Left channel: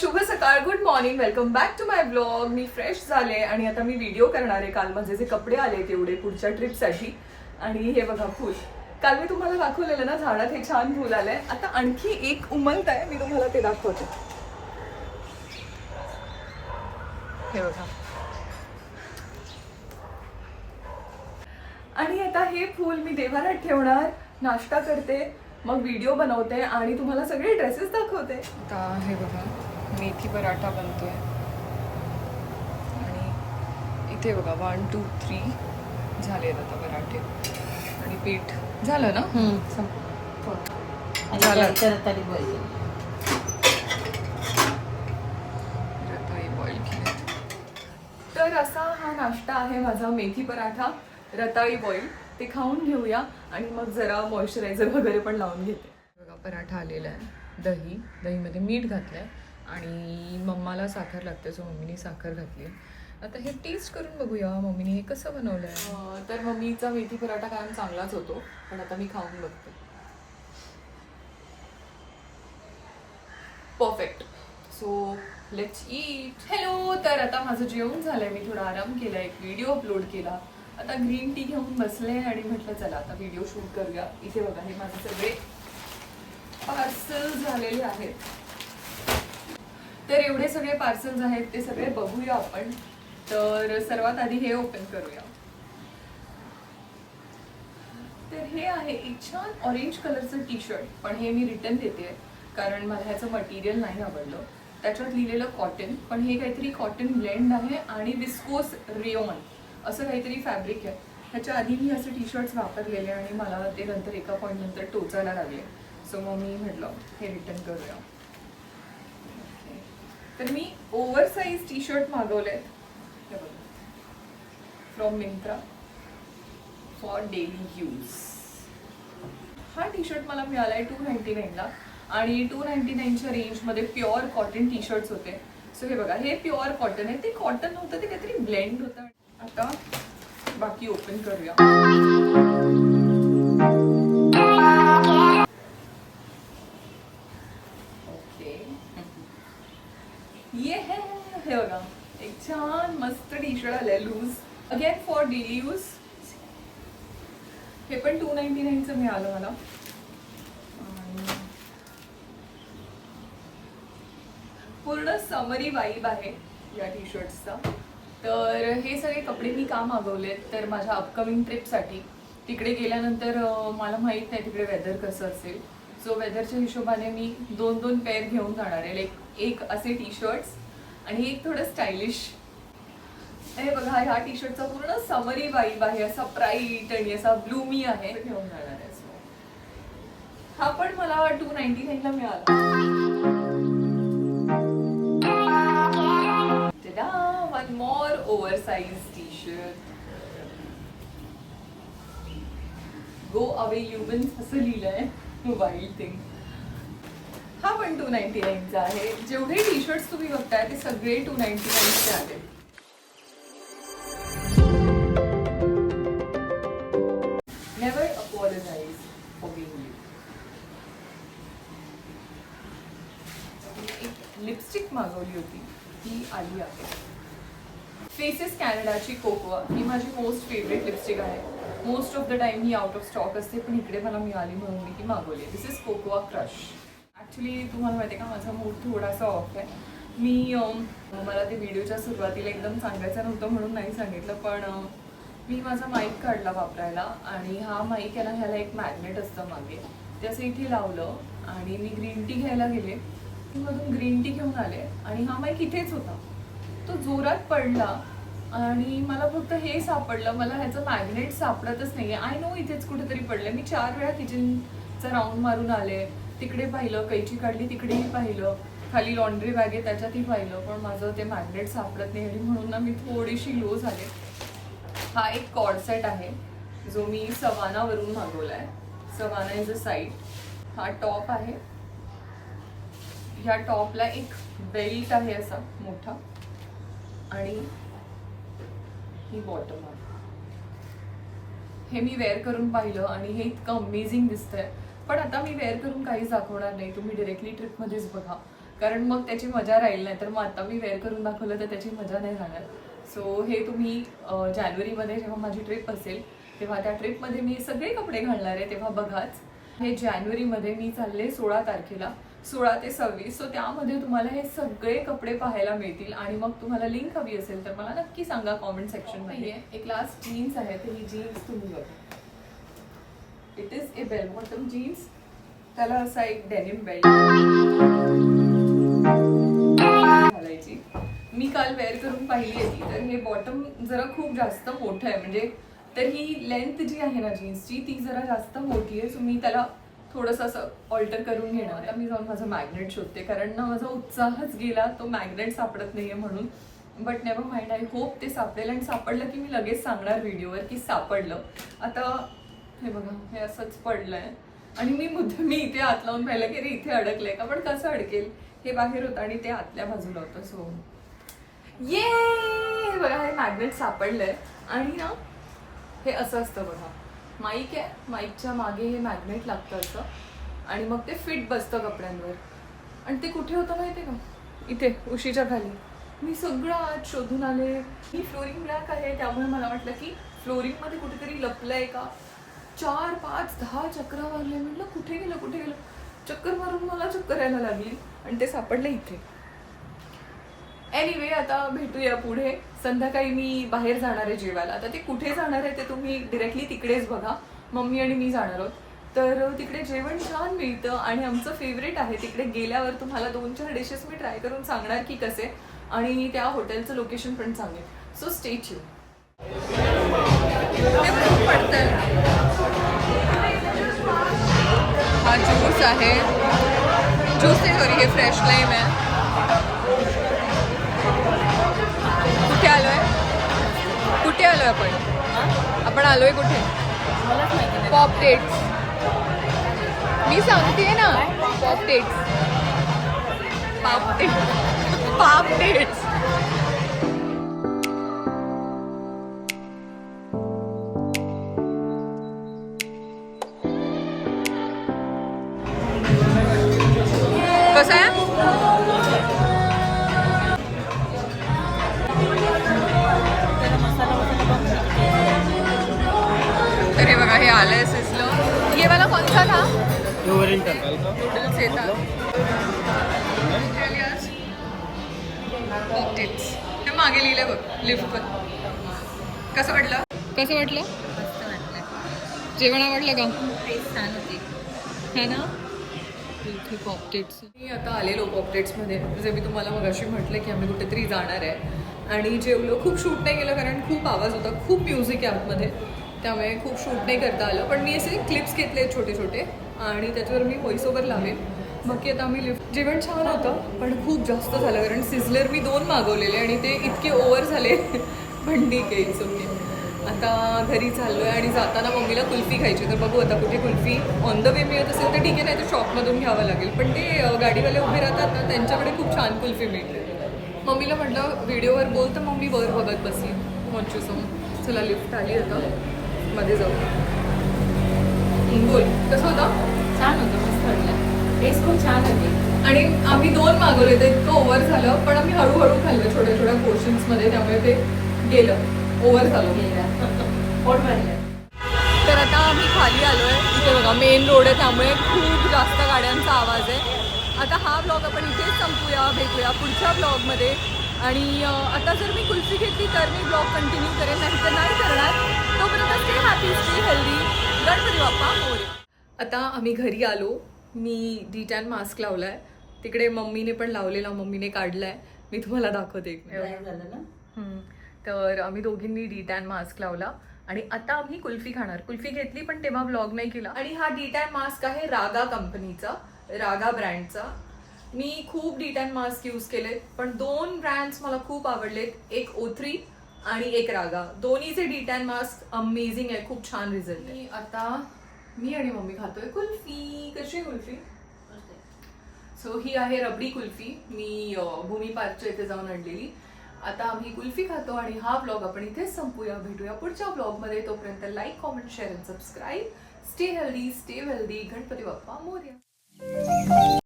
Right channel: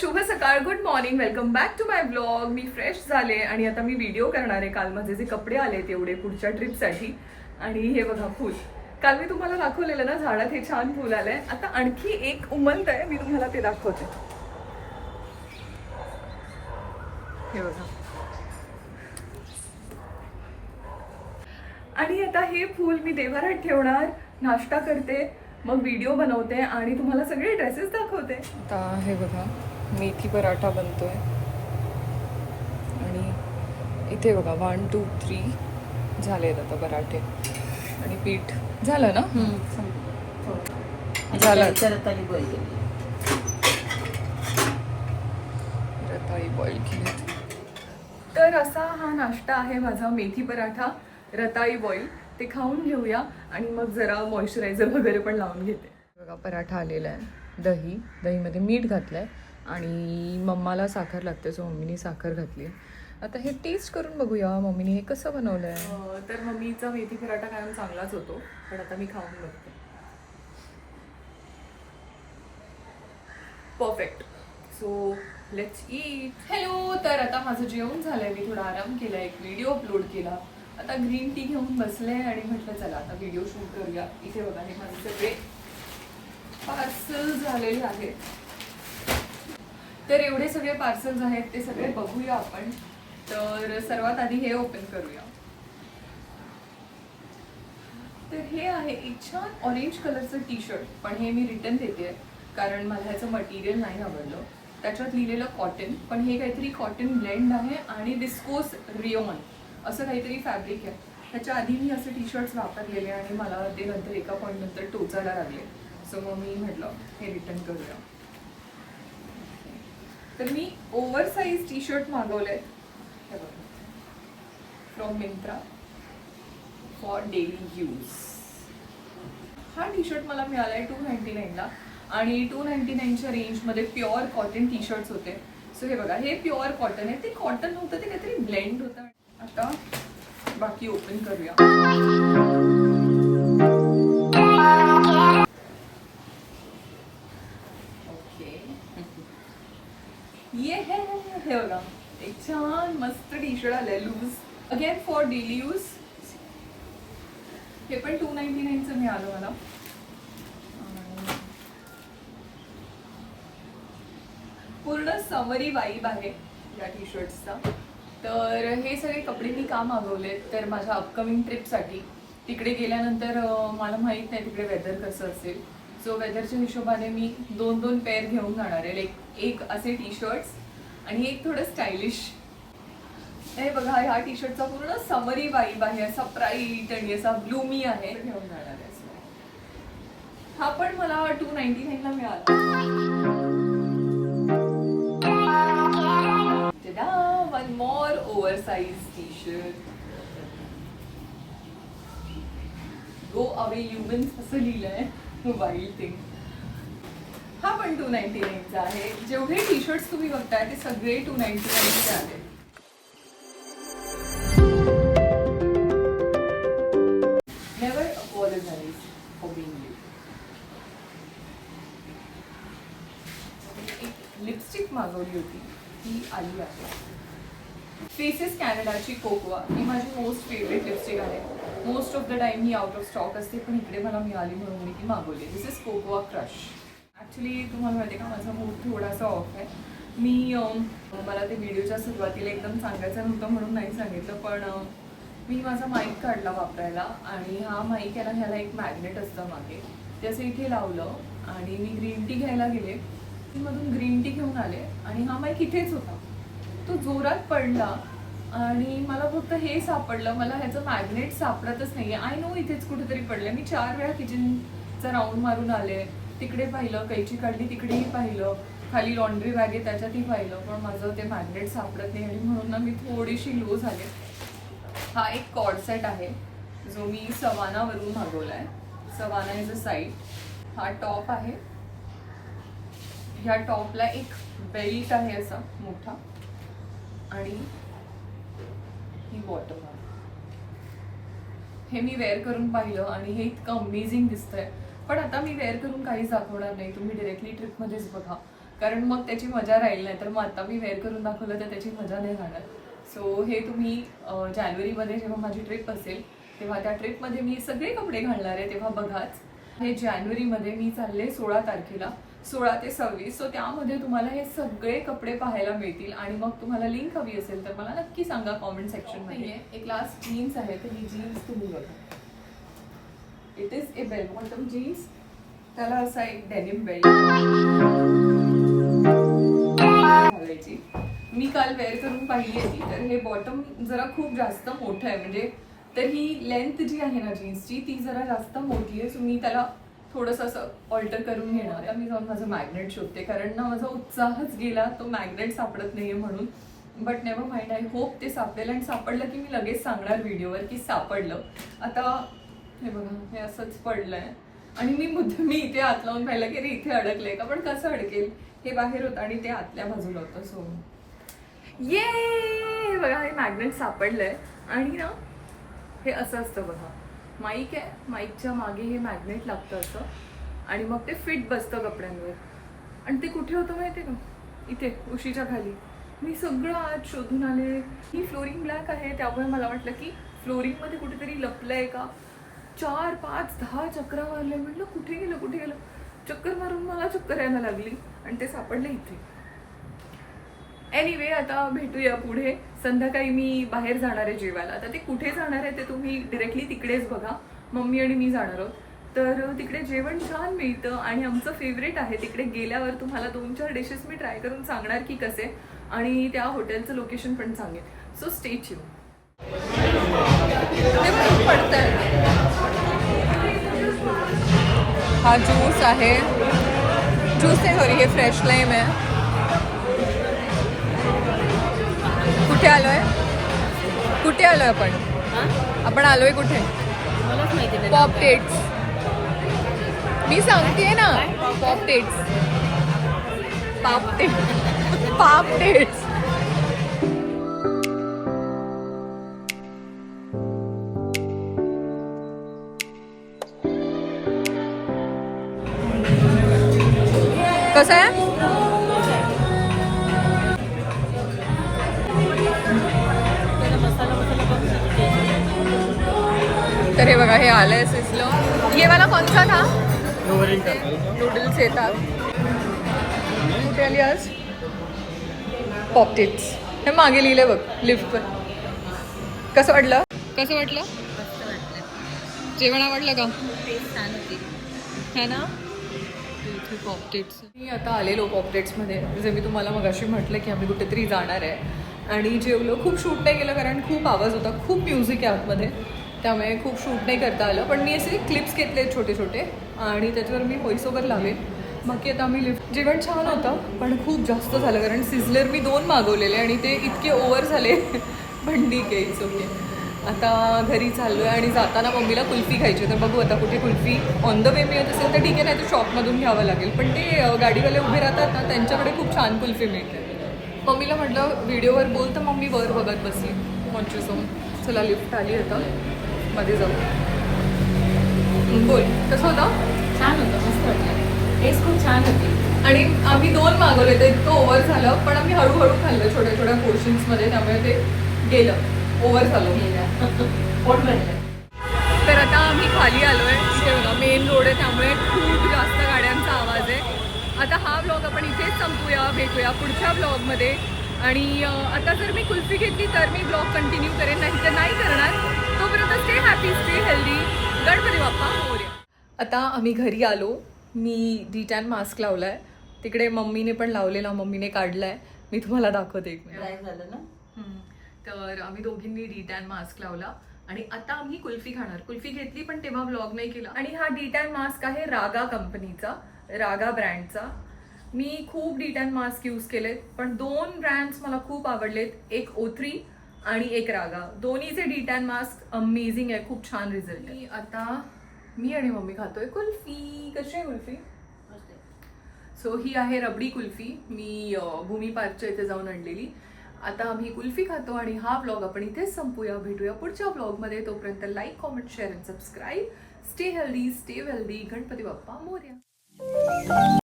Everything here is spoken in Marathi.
शुभ सकाळ, good morning, welcome back to my blog. मी फ्रेश झाले आणि आता मी व्हिडिओ करणार आहे. काल माझे जे कपडे आले तेवढे पुढच्या ट्रिपसाठी. आणि हे बघा फुल, काल मी तुम्हाला दाखवलेलं ना झाडात हे छान फुल आलंय. आता आणखी एक उमलत आहे, मी तुम्हाला ते दाखवते. हे बघा. आणि आता हे फुल मी देवाऱ्यात ठेवणार, नाश्ता करते, मग व्हिडिओ बनवते आणि तुम्हाला सगळे ड्रेसेस दाखवते. आता हे बघा, मेथी पराठा बनतोय आणि इथे बघा 1 2 3 झाले आता पराठे आणि पीठ झालं ना. झालं. रताळी बॉईल केले. तर असा हा नाश्ता आहे माझा, मेथी पराठा, रताळी बॉईल. ते खाऊन घेऊया आणि मग जरा मॉइश्चरायझर वगैरे पण लावून घेते. बघा पराठा आलेला आहे, दहीमध्ये मीठ घातलंय आणि मम्माला साखर लागते, सो मम्मीने साखर घातली. आता हे टेस्ट करून बघूया मम्मीने हे कसं बनवलंय. तर मम्मीचा मेथी पराठा कायम चांगलाच होतो, पण आता मी खाऊन बघते. Perfect. So let's eat. Hello. तर आता माझं जेवण झालंय, मी थोडा आराम केला, एक व्हिडिओ अपलोड केला, आता ग्रीन टी घेऊन बसले आणि म्हटलं चला आता व्हिडिओ शूट करूया. इथे बघा हे माझे सगळे पार्सल झालेले आहेत. तर एवढे सगळे पार्सल्स आहेत ते सगळे बघूया आपण. तर सर्वात आधी हे ओपन करूया. तर हे आहे एक छान ऑरेंज कलरचं टी शर्ट, पण हे मी रिटर्न देते कारण मला ह्याचं मटेरियल नाही आवडलं. त्याच्यात लिहिलेलं कॉटन, पण हे काहीतरी कॉटन ब्लेंड आहे आणि विस्कोस रिओन असं काहीतरी फॅब्रिक आहे. ह्याच्या आधी मी असे टी शर्ट्स वापरलेले आणि मला ते नंतर एका पॉईंट नंतर टोचायला लागले. सो मग मी म्हटलं हे रिटर्न करूया. तर मी ओव्हरसाइज टी शर्ट मागवलेत, हे बघा, from Myntra for daily use. हा टी शर्ट मला मिळालाय 299ला आणि 299च्या रेंजमध्ये प्युअर कॉटन टी शर्ट्स होते. सो हे बघा, हे प्युअर कॉटन आहे. ते कॉटन नव्हतं, ते काहीतरी ब्लेंड होतं. आता बाकी ओपन करूया. ओके, ये है, हे बघा एक छान मस्त टी शर्ट आलंय loose, again for daily use. हे पण 299चं मिळालं मला. पूर्ण समरी वाईब आहे या टी शर्ट्सचा. तर हे सगळे कपडे मी का मागवलेत, तर माझ्या अपकमिंग ट्रिपसाठी. तिकडे गेल्यानंतर मला माहीत नाही तिकडे वेदर कसं असेल. सो वेदरच्या हिशोबाने मी 2-2 पेअर घेऊन जाणार आहे. एक असे टी शर्ट्स आणि एक थोडं स्टायलिश. हे बघा, ह्या टी शर्टचा पूर्ण समरी वाईब आहे, असा ब्राईट आणि असा ब्लूमी आहे, घेऊन जाणार आहे. हा पण मला 299ला मिळाला. One more oversized t-shirt. Go away humans असं लिहिलंय, वाईल्ड थिंग. हा पण 299चा आहे. जेवढे टी शर्ट्स तुम्ही बघताय ते सगळे 299चे आहेत. Never apologize for being late. एक लिपस्टिक मागवली होती, ती आली आहे. फेसेस कॅनडाची कोकोआ, ही माझी मोस्ट फेवरेट लिपस्टिक आहे. Most of the time he out of stock असते, पण इकडे मला मिळाली म्हणून मी ती मागवली. दिस इज कोकोआ क्रश. ॲक्च्युली तुम्हाला माहिती आहे का, माझा मूड थोडासा ऑफ आहे. मला ते व्हिडिओच्या सुरुवातीला एकदम सांगायचं नव्हतं म्हणून नाही सांगितलं, पण मी माझा माईक काढला वापरायला आणि हा माईक याला ह्याला एक मॅग्नेट असतं मागे, ते असं इथे लावलं आणि मी ग्रीन टी घ्यायला गेले, मधून ग्रीन टी घेऊन आले आणि हा माईक इथेच होता. तो जोरात पडला आणि मला फक्त हे सापडलं, मला ह्याचं मॅग्नेट सापडतच नाही आहे. आय नो इथेच कुठेतरी पडलं. मी 4 वेळा किचनचा राऊंड मारून आले, तिकडे पाहिलं, कैची काढली तिकडेही पाहिलं, खाली लॉन्ड्री बॅग आहे त्याच्यातही पाहिलं, पण माझं ते मॅग्नेट सापडत नाही आणि म्हणून ना मी थोडीशी लो झाले. हा एक कॉर्ड सेट आहे जो मी सवानावरून मागवला आहे. Savana is a site. हा टॉप आहे, ह्या टॉपला एक बेल्ट आहे असा मोठा आणि ही बॉटम आहे. हे मी वेअर करून पाहिलं आणि हे इतकं अमेझिंग दिसतंय, पण आता मी वेअर करून काहीच दाखवणार नाही. तुम्ही डायरेक्टली ट्रिपमध्येच बघा, कारण मग त्याची मजा राहील नाही. तर मग आता मी वेअर करून दाखवलं तर त्याची मजा नाही राहणार. सो हे तुम्ही जानेवारीमध्ये जेव्हा माझी ट्रिप असेल तेव्हा त्या ट्रिपमध्ये मी सगळे कपडे घालणार आहे तेव्हा बघाच. हे जानेवारीमध्ये मी चालले 16 तारखेला, 16 ते 26. सो त्यामध्ये तुम्हाला हे सगळे कपडे पाहायला मिळतील. आणि मग तुम्हाला लिंक हवी असेल तर मला नक्की सांगा कॉमेंट सेक्शनमध्ये. एक लास्ट जीन्स आहे, तर ही जीन्स तुम्ही बघा. It is a bell bottom jeans. त्याला असा एक डेनिम बेल्ट घालायची. मी काल वेअर करून पाहिली आहे ती, तर हे बॉटम जरा खूप जास्त मोठं आहे. म्हणजे तर ही लेंथ जी आहे ना जीन्सची ती जरा जास्त मोठी आहे. सो मी त्याला थोडंसं असं ऑल्टर करून घेणार आहे. मी जाऊन माझं मॅग्नेट शोधते, कारण ना माझा उत्साहच गेला, तो मॅग्नेट सापडत नाहीये म्हणून. But never mind, I hope ते सापडेल. आणि सापडलं की मी लगेच सांगणार व्हिडिओवर की सापडलं. आता हे बघा, हे असंच पडलंय आणि मी इथे हात लावून पाहिलं की रे इथे अडकलंय का, पण कसं अडकेल. हे बाहेर होतं आणि ते आतल्या बाजूला होतं. सो ये बघा, हे मॅग्नेट सापडलंय. आणि ना हे असं असतं बघा, माईक आहे, माईकच्या मागे हे मॅग्नेट लागतं असं आणि मग ते फिट बसतं कपड्यांवर. आणि ते कुठे होतं माहिती आहे का, इथे उशीच्या खाली. मी सगळं आज शोधून आले. ही फ्लोरिंग ब्लॅक आहे त्यामुळे मला वाटलं की फ्लोरिंगमध्ये कुठेतरी लपलंय का. 4, 5, 10 चक्रा मारले. म्हटलं कुठे गेलं. चक्कर मारून मला चक्कर यायला लागली आणि ते सापडलं इथे. एनिवे, आता भेटूया पुढे. संध्याकाळी मी बाहेर जाणार आहे जेवायला. आता ते कुठे जाणार आहे ते तुम्ही डिरेक्टली तिकडेच बघा. मम्मी आणि मी जाणार आहोत. तर तिकडे जेवण छान मिळतं आणि आमचं फेवरेट आहे. तिकडे गेल्यावर तुम्हाला 2-4 डिशेस मी ट्राय करून सांगणार की कसे, आणि त्या हॉटेलचं लोकेशन पण सांगेन. So stay tune. हा ज्यूस आहे, ज्यूस आहे, हे फ्रेश लाईम आहे. कुठे आलोय आपण आलोय कुठे मलाच माहिती नाही. अपडेट्स मी सांगते ना, अपडेट्स अपडेट्स. तर हे बघा, हे आलंय सिझलर. ये वाला कौन सा था? नूडल्स येतात. कुठे आली आज? पॉपटिट्स. हे मागे लिहिलंय बघ लिफ्टवर. कसं वाटलं? मस्त वाटलं. जेवण आवडलं का? टेस्ट छान होती है ना. इथे पॉपटिट्स. मी आता आलेलो पॉपटिट्समध्ये. जे मी तुम्हाला मगाशी म्हटलं की आम्ही कुठेतरी जाणार आहे आणि जेवलो. खूप शूट नाही केलं कारण खूप आवाज होता, खूप म्युझिक आहे आतमध्ये, त्यामुळे खूप शूट नाही करता आलं. पण मी असे क्लिप्स घेतले छोटे छोटे आणि त्याच्यावर मी व्हॉइस ओव्हर लावेल. बाकी आता आम्ही लिफ्ट. जेवण छान होतं पण खूप जास्त झालं कारण सिझलर मी 2 मागवलेले आणि ते इतके ओव्हर झाले. पण ठीक आहे, इट्स ओके. आता घरी चाललो आहे आणि जाताना मम्मीला कुल्फी खायची. तर बघू आता कुठे कुल्फी ऑन द वे मिळत असेल तर ठीक आहे, नाही तर शॉपमधून घ्यावं लागेल. पण ते गाडीवाले उभे राहतात ना, त्यांच्याकडे खूप छान कुल्फी मिळते. मम्मीला म्हटलं व्हिडिओवर बोल, तर मम्मी वर बघत बसली. मोठे सोम. चला लिफ्ट आली आता, मध्ये जाऊ. बोल, कसं होतं? छान होतं, मस्त वाटलं. टेस्ट खूप छान होती. आणि आम्ही 2 मागवले, तर इतकं ओव्हर झालं. पण आम्ही हळूहळू खाल्लं छोट्या छोट्या पोर्शन्समध्ये, त्यामुळे ते गेलं, ओव्हर झालं. पोट भरलं. तर आता आम्ही खाली आलोय. इथे बघा मेन रोड आहे, त्यामुळे खूप जास्त गाड्यांचा आवाज आहे. आता हा व्लॉग आपण इथेच संपूया. भेटूया पुढच्या व्लॉगमध्ये. आणि आता जर मी कुल्फी घेतली तर मी ब्लॉग कंटिन्यू करेन, नाही तर नाही करणार. तोपर्यंत stay happy, stay healthy. Ganpati Bappa Morya. आता आम्ही घरी आलो. मी D10 मास्क लावलाय. तिकडे मम्मीने पण लावलेला, मम्मीने काढलाय. मी तुम्हाला दाखवते एक मिनिट. लाईव्ह झालं ना. तर आम्ही दोघींनी D10 मास्क लावला आणि आता आम्ही कुल्फी खाणार. कुल्फी घेतली पण तेव्हा व्लॉग नाही केला. आणि हा D10 मास्क आहे रागा कंपनीचा, रागा ब्रँडचा. मी खूप D10 मास्क यूज केलेत, पण 2 ब्रँड्स मला खूप आवडलेत. एक O3 आणि एक रागा. दोन्हीचे D10 मास्क अमेझिंग आहे, खूप छान रिझल्ट आहे. आता मी आणि मम्मी खातोय कुल्फी. कशी आहे कुल्फी? सो ही आहे रबडी कुल्फी. मी भूमी पार्कच्या इथे जाऊन आणलेली. आता आम्ही कुल्फी खातो आणि हा व्लॉग आपण इथेच संपूया. भेटूया पुढच्या व्लॉगमध्ये. तोपर्यंत like, comment, share and subscribe. Stay healthy, stay wealthy. Ganpati Bappa Morya.